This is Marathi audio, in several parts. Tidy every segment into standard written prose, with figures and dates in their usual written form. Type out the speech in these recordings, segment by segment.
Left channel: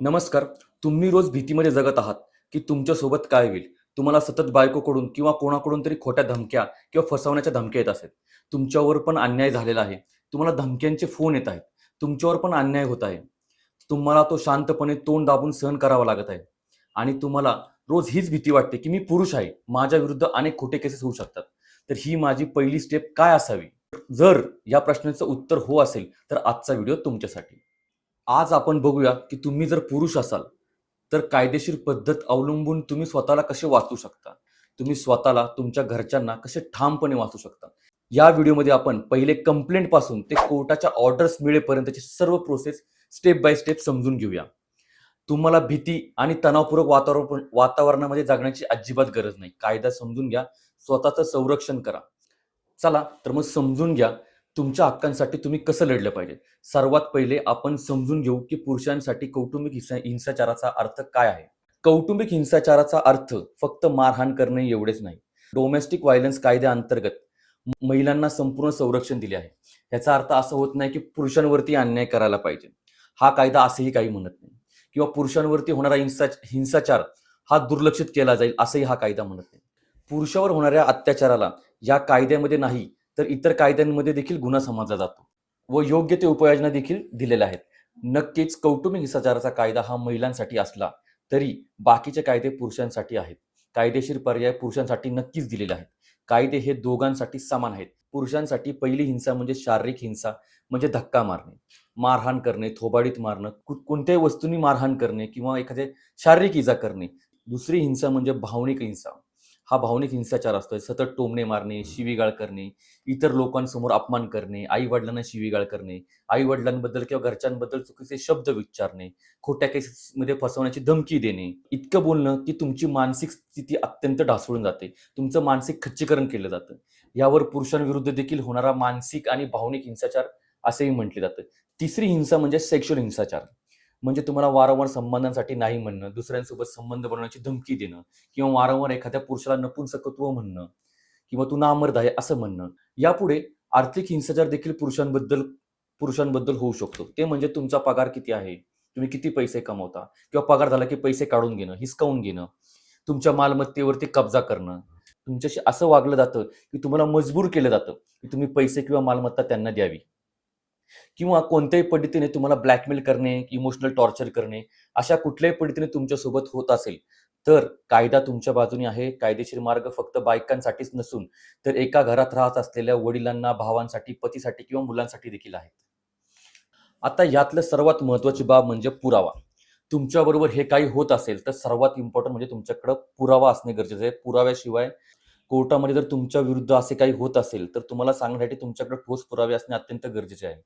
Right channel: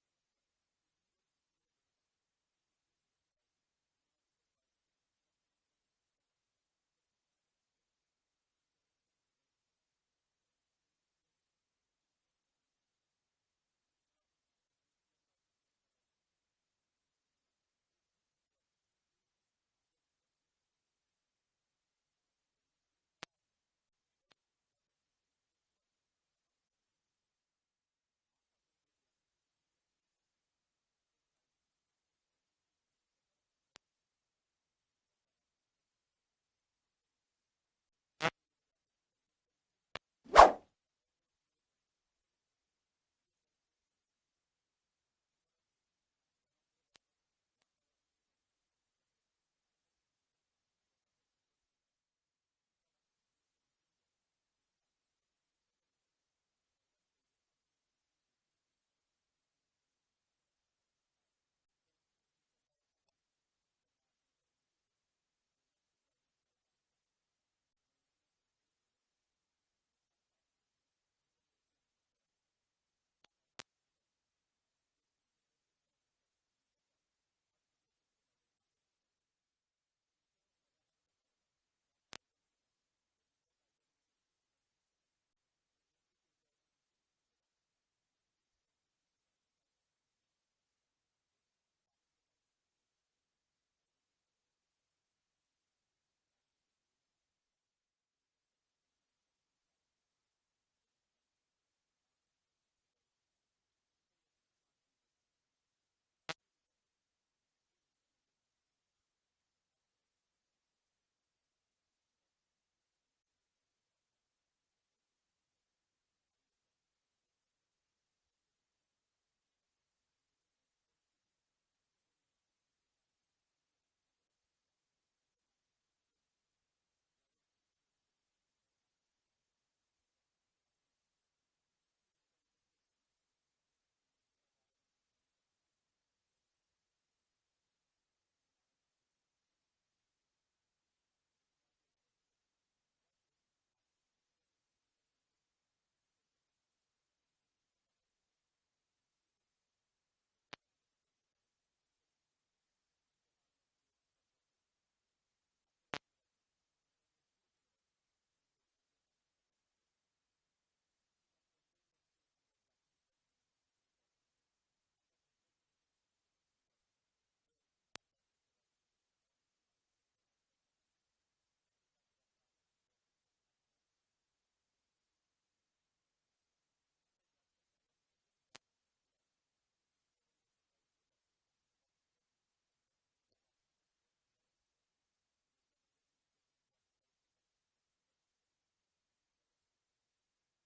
नमस्कार. तुम्ही रोज भीतीमध्ये जगत आहात, की तुमच्यासोबत काय होईल? तुम्हाला सतत बायकोकडून किंवा कोणाकडून तरी खोट्या धमक्या किंवा फसवण्याच्या धमक्या येत असेल. तुमच्यावर पण अन्याय झालेला आहे. तुम्हाला धमक्यांचे फोन येत आहेत. तुमच्यावर पण अन्याय होत आहे. तुम्हाला तो शांतपणे तोंड दाबून सहन करावा लागत आहे. आणि तुम्हाला रोज हीच भीती वाटते, की मी पुरुष आहे. माझ्या विरुद्ध अनेक खोटे केसेस होऊ शकतात. तर ही माझी पहिली स्टेप काय असावी? जर या प्रश्नाचं उत्तर हो असेल, तर आजचा व्हिडिओ तुमच्यासाठी. आज आपण बघूया, की तुम्ही जर पुरुष असाल, तर कायदेशीर पद्धत अवलंबून तुम्ही स्वतःला कसे वाचवू शकता? तुम्ही स्वतःला, तुमच्या घरच्यांना कसे ठामपणे वाचवू शकता? या व्हिडिओमध्ये आपण पहिले कंप्लेंटपासून ते कोर्टाच्या ऑर्डर्स मिळेपर्यंतची सर्व प्रोसेस स्टेप बाय स्टेप समजून घेऊया. तुम्हाला भीती आणि तणावपूर्वक वातावरणामध्ये जगण्याची अजिबात गरज नाही. कायदा समजून घ्या, स्वतःचं संरक्षण करा. चला तर मग समजून घ्या, तुमच्या हक्कांसाठी तुम्ही कसं लढलं पाहिजे. सर्वात पहिले आपण समजून घेऊ, की पुरुषांसाठी कौटुंबिक हिंसाचाराचा अर्थ काय आहे. कौटुंबिक हिंसाचाराचा अर्थ फक्त मारहाण करणे एवढेच नाही. डोमेस्टिक व्हायलन्स कायद्याअंतर्गत महिलांना संपूर्ण संरक्षण दिले आहे. याचा अर्थ असा होत नाही, की पुरुषांवरती अन्याय करायला पाहिजे. हा कायदा असंही काही म्हणत नाही. किंवा पुरुषांवरती होणारा हिंसाचार हा दुर्लक्षित केला जाईल असंही हा कायदा म्हणत नाही. पुरुषावर होणाऱ्या अत्याचाराला या कायद्यामध्ये नाही, तर इतर कायद्यांमध्ये देखील गुन्हा समजला जातो व योग्य ते उपाययोजना देखील दिलेल्या आहेत. नक्कीच कौटुंबिक हिंसाचाराचा कायदा हा महिलांसाठी असला, तरी बाकीचे कायदे पुरुषांसाठी आहेत. कायदेशीर पर्याय पुरुषांसाठी नक्कीच दिलेले आहेत. कायदे हे दोघांसाठी समान आहेत. पुरुषांसाठी पहिली हिंसा म्हणजे शारीरिक हिंसा, म्हणजे धक्का मारणे, मारहाण करणे, थोबाडीत मारणं, कोणत्याही वस्तूंनी मारहाण करणे किंवा एखाद्या शारीरिक इजा करणे. दुसरी हिंसा म्हणजे भावनिक हिंसा. हा भावनिक हिंसाचार असतोय. सतत टोमणे मारणे, शिवीगाळ करणे, इतर लोकांसमोर अपमान करणे, आई-वडिलांना शिवीगाळ करणे, आई-वडिलांबद्दल किंवा घरच्यांबद्दल चुकीचे शब्द विचारणे, खोट्या केसेसमध्ये फसवण्याची धमकी देणे, इतकं बोलणं की तुमची मानसिक स्थिती अत्यंत ढासळून जाते. तुमचं मानसिक खच्चीकरण केलं जातं. यावर पुरुषांविरुद्ध देखील होणारा मानसिक आणि भावनिक हिंसाचार असेही म्हटले जातं. तिसरी हिंसा म्हणजे सेक्शुअल हिंसाचार. म्हणजे तुम्हाला वारंवार संबंधांसाठी नाही म्हणणं, दुसऱ्यांसोबत संबंध बनवण्याची धमकी देणं किंवा वारंवार एखाद्या पुरुषाला नपुंसकत्व म्हणणं किंवा तू नामर्द आहे असं म्हणणं. यापुढे आर्थिक हिंसाचार देखील पुरुषांबद्दल होऊ शकतो. ते म्हणजे तुमचा पगार किती आहे? तुम्ही किती पैसे कमवता? किंवा पगार झाला की पैसे काढून घेणं, हिसकावून घेणं, तुमच्या मालमत्तेवरती कब्जा करणं. तुमच्याशी असं वागलं जातं, की तुम्हाला मजबूर केलं जातं, की तुम्ही पैसे किंवा मालमत्ता त्यांना द्यावी. किंवा कोणत्याही पद्धतीने तुम्हाला ब्लॅकमेल करणे, इमोशनल टॉर्चर करणे, अशा कुठल्याही पद्धतीने तुमच्यासोबत होत असेल, तर कायदा तुमच्या बाजूने आहे. कायदेशीर मार्ग फक्त बायकांसाठीच नसून, तर एका घरात राहत असलेल्या वडिलांना, भावांसाठी, पतीसाठी किंवा मुलांसाठी देखील आहेत. आता यातलं सर्वात महत्त्वाची बाब म्हणजे पुरावा. तुमच्याबरोबर हे काही होत असेल, तर सर्वात इम्पोर्टंट म्हणजे तुमच्याकडं पुरावा असणे गरजेचं आहे. पुराव्याशिवाय कोर्टामध्ये जर तुमच्या विरुद्ध असे काही होत असेल, तर तुम्हाला सांगण्यासाठी तुमच्याकडे ठोस पुरावे असणे अत्यंत गरजेचे आहे.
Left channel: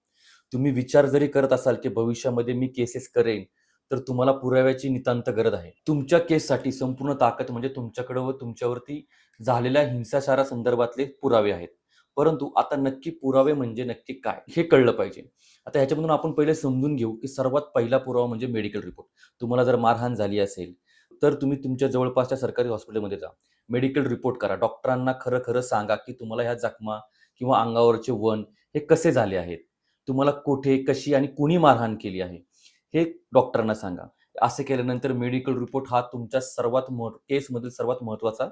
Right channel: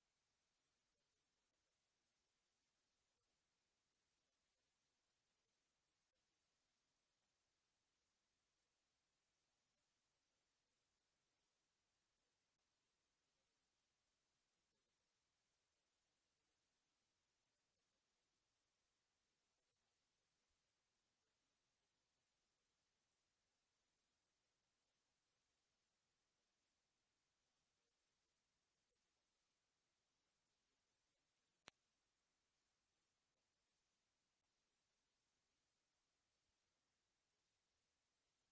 तुम्ही विचार जरी करत असाल, की भविष्यामध्ये मी केसेस करेन, तर तुम्हाला पुराव्याची नितांत गरज आहे. तुमच्या केससाठी संपूर्ण ताकद म्हणजे तुमच्याकडे व तुमच्यावरती झालेल्या हिंसाचारासंदर्भातले पुरावे आहेत. परंतु आता नक्की पुरावे म्हणजे नक्की काय? हे कळलं पाहिजे. आता ह्याच्यामधून आपण पहिले समजून घेऊ, की सर्वात पहिला पुरावा म्हणजे मेडिकल रिपोर्ट. तुम्हाला जर मारहाण झाली असेल, तर तुम्ही तुमच्या जवळपासच्या सरकारी हॉस्पिटलमध्ये जा. मेडिकल रिपोर्ट करा. डॉक्टरांना खरं-खरं सांगा, की तुम्हाला ह्या जखमा किंवा अंगावरचे वण हे कसे झाले आहेत. तुम्हाला कुठे, कशी आणि कुणी मारहाण केली आहे, हे डॉक्टरांना सांगा. असे केल्यानंतर मेडिकल रिपोर्ट हा तुमच्या केसमधील सर्वात महत्त्वाचा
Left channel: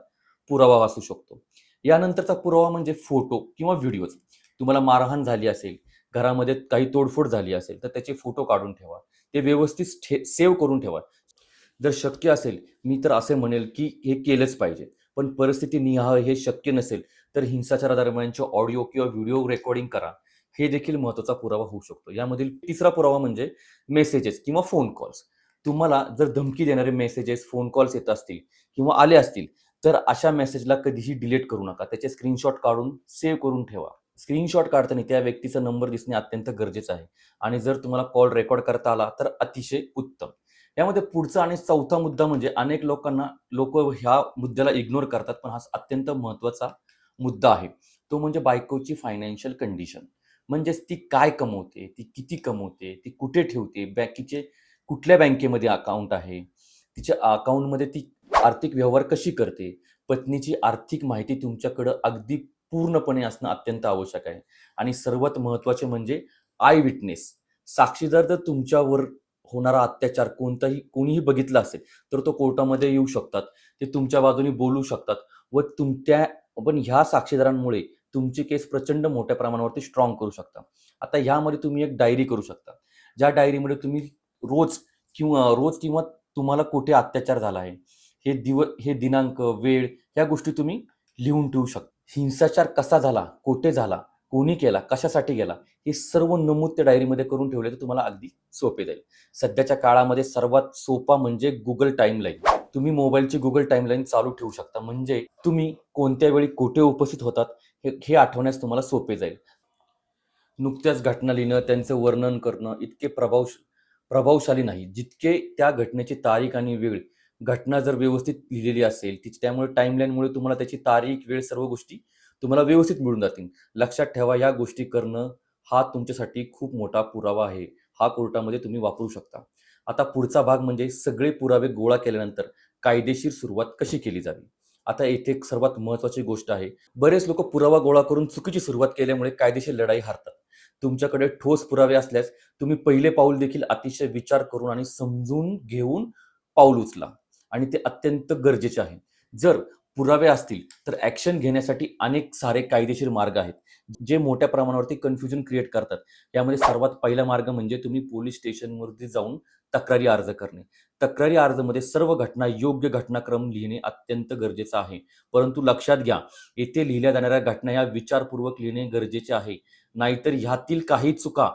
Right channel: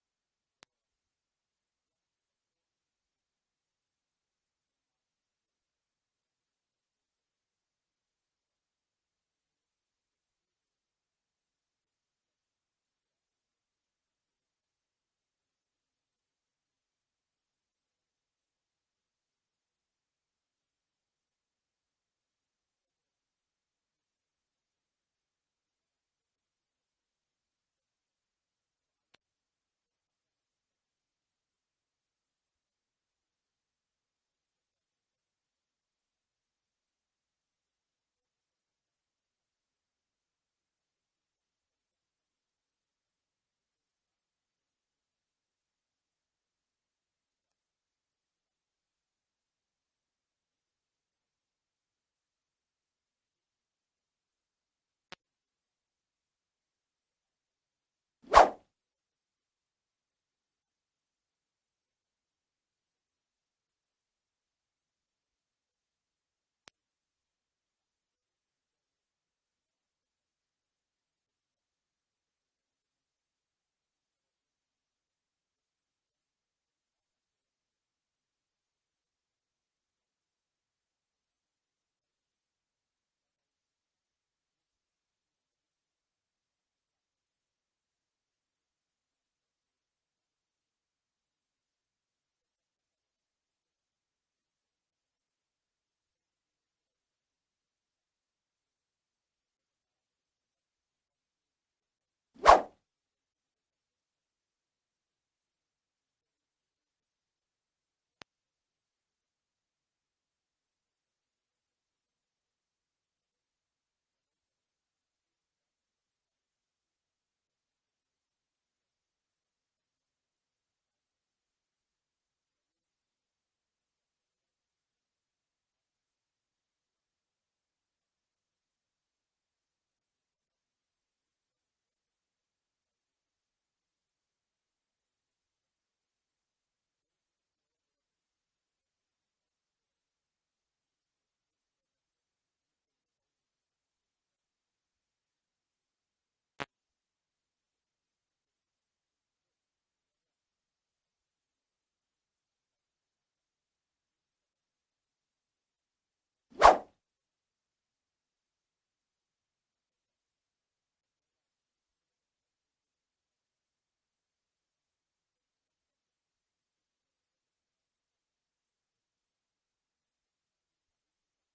पुरावा असू शकतो. यानंतरचा पुरावा म्हणजे फोटो किंवा व्हिडिओज. तुम्हाला मारहाण झाली असेल, घरामध्ये काही तोडफोड झाली असेल, तर त्याचे फोटो काढून ठेवा. ते व्यवस्थित सेव्ह करून ठेवा. जर शक्य असेल, मी तर असे म्हणेल, की हे केलंच पाहिजे. पण परिस्थिती निहाळ हे शक्य नसेल, तर हिंसाचारादरम्यानचे ऑडिओ किंवा व्हिडिओ रेकॉर्डिंग करा. हे देखील महत्त्वाचा पुरावा होऊ शकतो. यामधील तिसरा पुरावा म्हणजे मेसेजेस किंवा फोन कॉल्स. तुम्हाला जर धमकी देणारे मेसेजेस, फोन कॉल्स येत असतील किंवा आले असतील, तर अशा मेसेजला कधीही डिलीट करू नका. त्याचे स्क्रीनशॉट काढून सेव्ह करून ठेवा. स्क्रीनशॉट काढताना त्या व्यक्तीचा नंबर दिसणे अत्यंत गरजेचं आहे आणि जर तुम्हाला कॉल रेकॉर्ड करता आला, तर अतिशय उत्तम. यामध्ये पुढचा आणि चौथा मुद्दा म्हणजे अनेक लोकं ह्या मुद्द्याला इग्नोर करतात, पण हा अत्यंत महत्त्वाचा मुद्दा आहे. तो म्हणजे बायकोची फायनान्शियल कंडिशन. म्हणजेच ती काय कमवते, ती किती कमवते, ती कुठे ठेवते, कुठल्या बँकेमध्ये अकाउंट आहे, तिच्या अकाउंटमध्ये ती आर्थिक व्यवहार कशी करते. पत्नीची आर्थिक माहिती तुमच्याकडं अगदी पूर्णपणे असणं अत्यंत आवश्यक आहे. आणि सर्वात महत्त्वाचे म्हणजे आय विटनेस. साक्षीदार जर तुमच्यावर होणारा अत्याचार कोणीही बघितला असेल तर तो कोर्टामध्ये येऊ शकतात. ते तुमच्या बाजूने बोलू शकतात व पण ह्या साक्षीदारांमुळे तुमची केस प्रचंड मोठ्या प्रमाणावरती स्ट्रॉंग करू शकता. आता ह्यामध्ये तुम्ही एक डायरी करू शकता. ज्या डायरीमध्ये तुम्ही रोज रोज किंवा तुम्हाला कुठे अत्याचार झाला आहे, हे दिनांक, वेळ ह्या गोष्टी तुम्ही लिहून ठेवू शकता. हिंसाचार कसा झाला, कुठे झाला, कोणी केला, कशासाठी केला, हे सर्व नमूद त्या डायरीमध्ये करून ठेवले तर तुम्हाला अगदी सोपे जाईल. सध्याच्या काळामध्ये सर्वात सोपा म्हणजे Google टाईमलाईन. तुम्ही मोबाईलची Google टाईमलाईन चालू ठेवू शकता. म्हणजे तुम्ही कोणत्या वेळी कुठे उपस्थित होतात हे आठवण्यास तुम्हाला सोपे जाईल. नुकत्याच घटना लिहिणं, त्यांचं वर्णन करणं इतके प्रभावशाली नाही, जितके त्या घटनेची तारीख आणि वेळ. घटना जर व्यवस्थित लिहिलेली असेल, त्यामुळे टाईमलाईनमुळे तुम्हाला त्याची तारीख, वेळ सर्व गोष्टी तुम्हाला व्यवस्थित मिळून जातील. लक्षात ठेवा, या गोष्टी करणं हा तुमच्यासाठी खूप मोठा पुरावा आहे. हा कोर्टामध्ये तुम्ही वापरू शकता. आता पुढचा भाग म्हणजे सगळे पुरावे गोळा केल्यानंतर कायदेशीर सुरुवात कशी केली जावी. आता येथे एक सर्वात महत्त्वाची गोष्ट आहे. बरेच लोक पुरावा गोळा करून चुकीची सुरुवात केल्यामुळे कायदेशीर लढाई हारतात. तुमच्याकडे ठोस पुरावे असल्यास तुम्ही पहिले पाऊल देखील अतिशय विचार करून आणि समजून घेऊन पाऊल उचला आणि ते अत्यंत गरजेचे आहे. जर पुरावे असतील तर ॲक्शन घेण्यासाठी अनेक सारे कायदेशीर मार्ग आहेत, जे मोठ्या प्रमाणावरती कन्फ्युजन क्रिएट करतात. यामध्ये सर्वात पहिला मार्ग म्हणजे तुम्ही पोलीस स्टेशनवरती जाऊन तक्रारी अर्ज करणे. तक्रारी अर्जामध्ये सर्व घटना योग्य घटनाक्रम लिहिणे अत्यंत गरजेचं आहे. परंतु लक्षात घ्या, येथे लिहिल्या जाणाऱ्या घटना या विचारपूर्वक लिहिणे गरजेचे आहे. नाहीतर ह्यातील काही चुका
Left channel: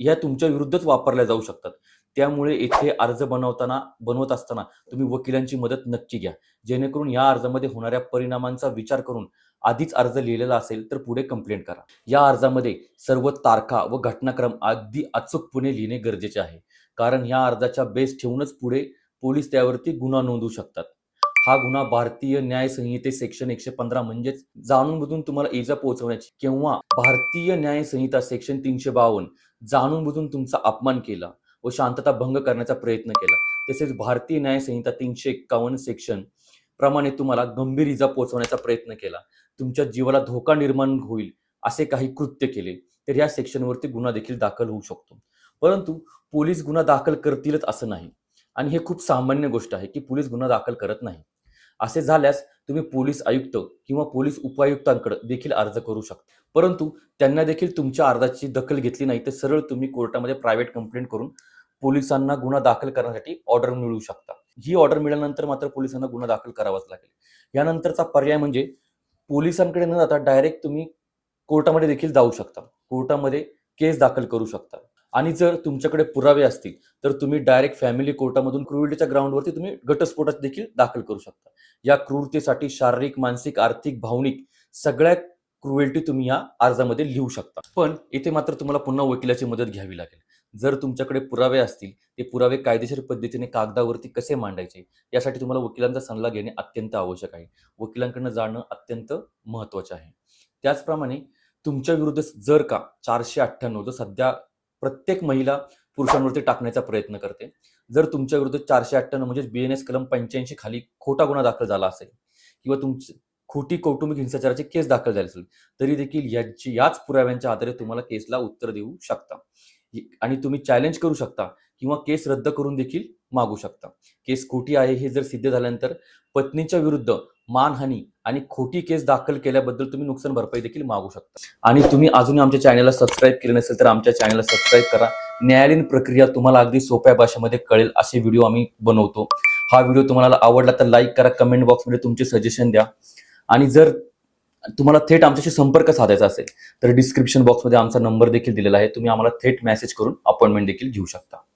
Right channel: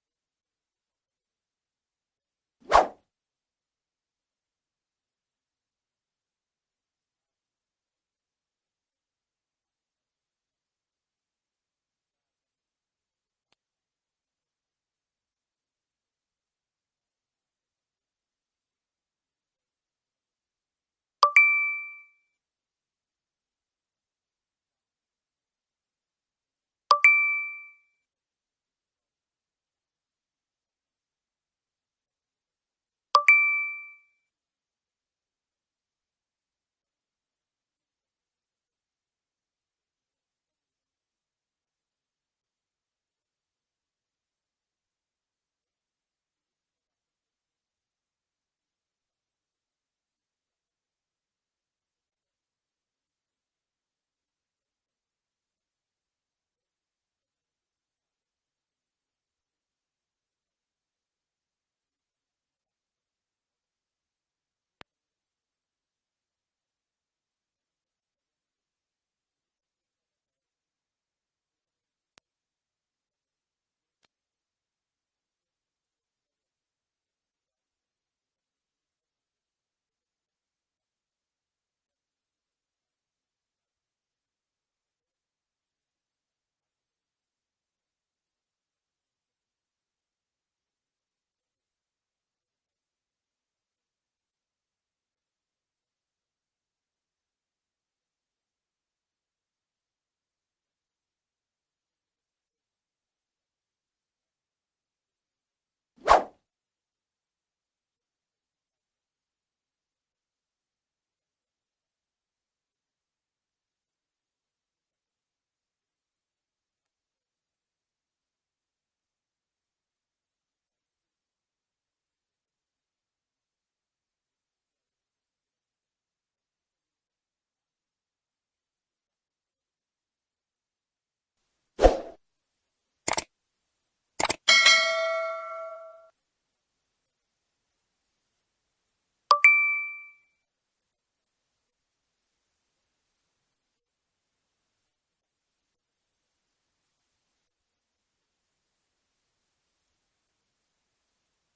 ह्या तुमच्या विरुद्धच वापरल्या जाऊ शकतात. त्यामुळे येथे अर्ज बनवत असताना तुम्ही वकिलांची मदत नक्की घ्या. जेणेकरून या अर्जामध्ये होणाऱ्या परिणामांचा विचार करून आधीच अर्ज लिहिलेला असेल तर पुढे कंप्लेंट करा. या अर्जामध्ये सर्व तारखा व घटनाक्रम अगदी अचूकपणे लिहिणे गरजेचे आहे. कारण या अर्जाच्या बेस ठेवूनच पुढे पोलीस त्यावरती गुन्हा नोंदवू शकतात. हा गुन्हा भारतीय न्याय संहिते सेक्शन 115 म्हणजेच जाणून-बुजून तुम्हाला इजा पोहोचवण्याची किंवा भारतीय न्याय संहिता सेक्शन 352 जाणून-बुजून तुमचा अपमान केला व शांतता भंग करण्याचा प्रयत्न केला. तसेच भारतीय न्याय संहिता 351 सेक्शन प्रमाणे तुम्हाला गंभीर इजा पोहोचवण्याचा प्रयत्न केला, तुमच्या जीवाला धोका निर्माण होईल असे काही कृत्य केले, तर या सेक्शनवरती गुन्हा देखील दाखल होऊ शकतो. परंतु पोलीस गुन्हा दाखल करतीलच असं नाही आणि हे खूप सामान्य गोष्ट आहे की पोलीस गुन्हा दाखल करत नाही. असे झाल्यास तुम्ही पोलीस आयुक्त किंवा पोलीस उपायुक्तांकडे देखील अर्ज करू शकता. परंतु त्यांना देखील तुमच्या अर्जाची दखल घेतली नाही तर सरळ तुम्ही कोर्टामध्ये प्रायव्हेट कंप्लेंट करून पोलिसांना गुन्हा दाखल करण्यासाठी ऑर्डर मिळवू शकता. ही ऑर्डर मिळाल्यानंतर मात्र पोलिसांना गुन्हा दाखल करावाच लागेल. यानंतरचा पर्याय म्हणजे पोलिसांकडे न जाता डायरेक्ट तुम्ही कोर्टामध्ये देखील जाऊ शकता. कोर्टामध्ये केस दाखल करू शकता आणि जर तुमच्याकडे पुरावे असतील तर तुम्ही डायरेक्ट फॅमिली कोर्टामधून क्रुएल्टीच्या ग्राउंडवरती तुम्ही घटस्फोटात देखील दाखल करू शकता. या क्रूरतेसाठी शारीरिक, मानसिक, आर्थिक, भावनिक सगळ्या क्रुएल्टी तुम्ही या अर्जामध्ये लिहू शकता. पण इथे मात्र तुम्हाला पुन्हा वकिलाची मदत घ्यावी लागेल. जर तुमच्याकडे पुरावे असतील, ते पुरावे कायदेशीर पद्धतीने कागदावरती कसे मांडायचे यासाठी तुम्हाला वकिलांचा सल्ला घेणे अत्यंत आवश्यक आहे. वकिलांकडून जाणं अत्यंत महत्त्वाचं आहे. त्याचप्रमाणे तुमच्या विरुद्ध जर का 498 जो सध्या प्रत्येक महिला पुरुषांवरती टाकण्याचा प्रयत्न करते. जर तुमच्या विरुद्ध 498 म्हणजे BNS कलम 85 खाली खोटा गुन्हा दाखल झाला असेल किंवा तुमची खोटी कौटुंबिक हिंसाचाराची केस दाखल झाली असेल, तरी देखील याच पुराव्यांच्या आधारे तुम्हाला केसला उत्तर देऊ शकता आणि तुम्ही चॅलेंज करू शकता किंवा केस रद्द करून देखील मागू शकता. केस खोटी आहे हे जर सिद्ध झाल्यानंतर पत्नीच्या विरुद्ध मानहानी आणि खोटी केस दाखल केल्याबद्दल तुम्ही नुकसान भरपाई देखील मागू शकता. आणि तुम्ही अजूनही आमच्या चॅनलला सबस्क्राईब केले नसेल तर आमच्या चॅनलला सबस्क्राईब करा. न्यायालयीन प्रक्रिया तुम्हाला अगदी सोप्या भाषेमध्ये कळेल असे व्हिडिओ आम्ही बनवतो. हा व्हिडिओ तुम्हाला आवडला तर लाईक करा, कमेंट बॉक्समध्ये तुमचे सजेशन द्या आणि जर तुम्हाला थेट आमच्याशी संपर्क साधायचा असेल तर डिस्क्रिप्शन बॉक्समध्ये आमचा नंबर देखील दिलेला आहे. तुम्ही आम्हाला थेट मेसेज करून अपॉइंटमेंट देखील घेऊ शकता.